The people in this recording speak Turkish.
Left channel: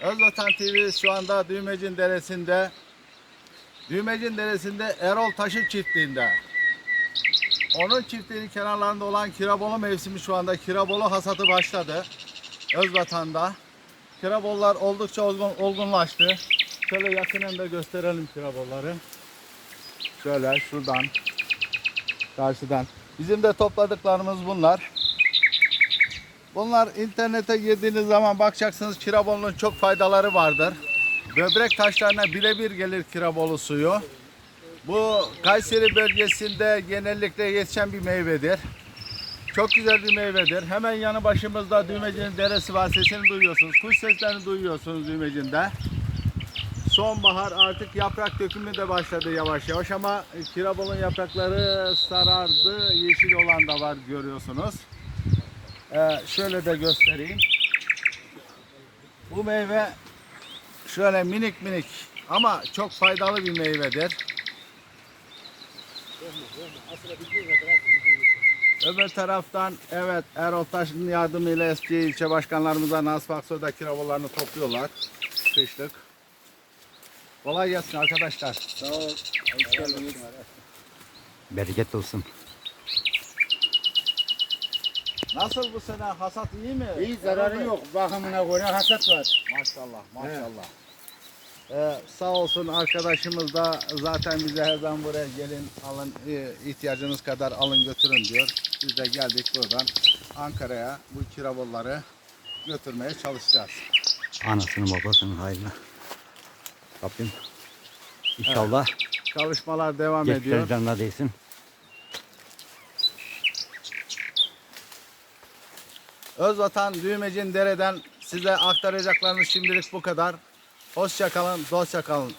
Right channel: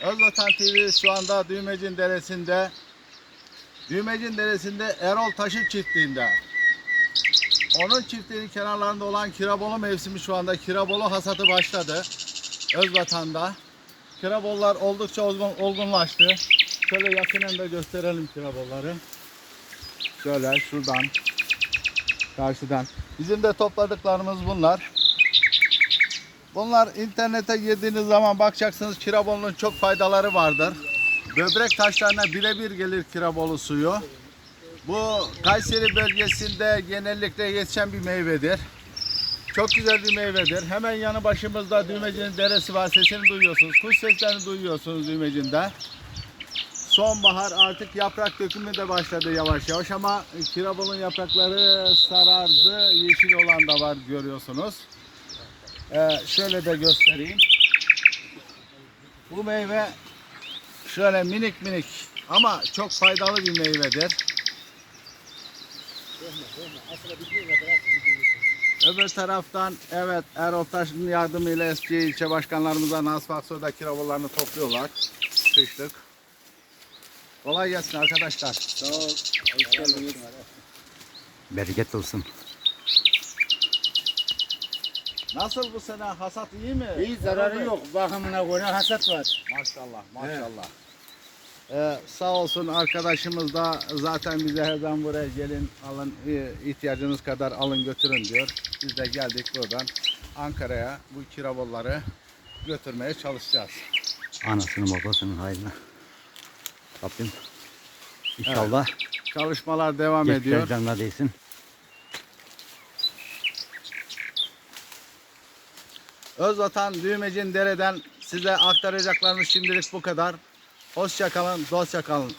Özvatan TV şu anda Düğmecin Deresi'nde Düğmecin Deresi'nde Erol Taşı çiftliğinde. Onun çiftliğinin kenarlarında olan Kirabolu mevsimi şu anda Kirabolu hasatı başladı. Özvatan'da. Kirabollar oldukça olgun, olgunlaştı. Şöyle yakından da gösterelim kirabolları. Şöyle şuradan karşıdan. Bizim de topladıklarımız bunlar. Bunlar internete girdiğiniz zaman bakacaksınız kirabolunun çok faydaları vardır. Böbrek taşlarına birebir gelir kirabolu suyu. Bu Kayseri bölgesinde genellikle yetişen bir meyvedir. Çok güzel bir meyvedir. Hemen yanı başımızda Düğmeci'nin deresi var. Sesini duyuyorsunuz. Kuş seslerini duyuyorsunuz Düğmeci'nde. Sonbahar artık yaprak dökümü de başladı yavaş yavaş ama kirabolun yaprakları sarardı. Yeşil olan da var görüyorsunuz. Ee, şöyle de göstereyim. Bu meyve şöyle minik minik ama çok faydalı bir meyvedir. Öbür taraftan evet Erol Taş'ın yardımıyla eski ilçe başkanlarımıza Nasip Aksoy'da kirabolarını topluyorlar. Kışlık. Kolay gelsin arkadaşlar. Sağ ol. Hoş geldiniz. Bereket olsun. Nasıl bu sene hasat iyi mi? İyi zararı yok. Bakımına göre hasat var. Maşallah maşallah. Ee, sağ olsun arkadaşımız da zaten bize her zaman buraya gelin alın e, ihtiyacınız kadar alın götürün diyor. Biz de geldik buradan Ankara'ya bu kirabolları götürmeye çalışacağız. Anasının babasının hayrına. Rabbim inşallah Çalışmalar devam ediyor. geçler canına değsin. Özvatan Düğmecin Dere'den size aktaracaklarımız şimdilik bu kadar. Hoşça kalın, dostça kalın.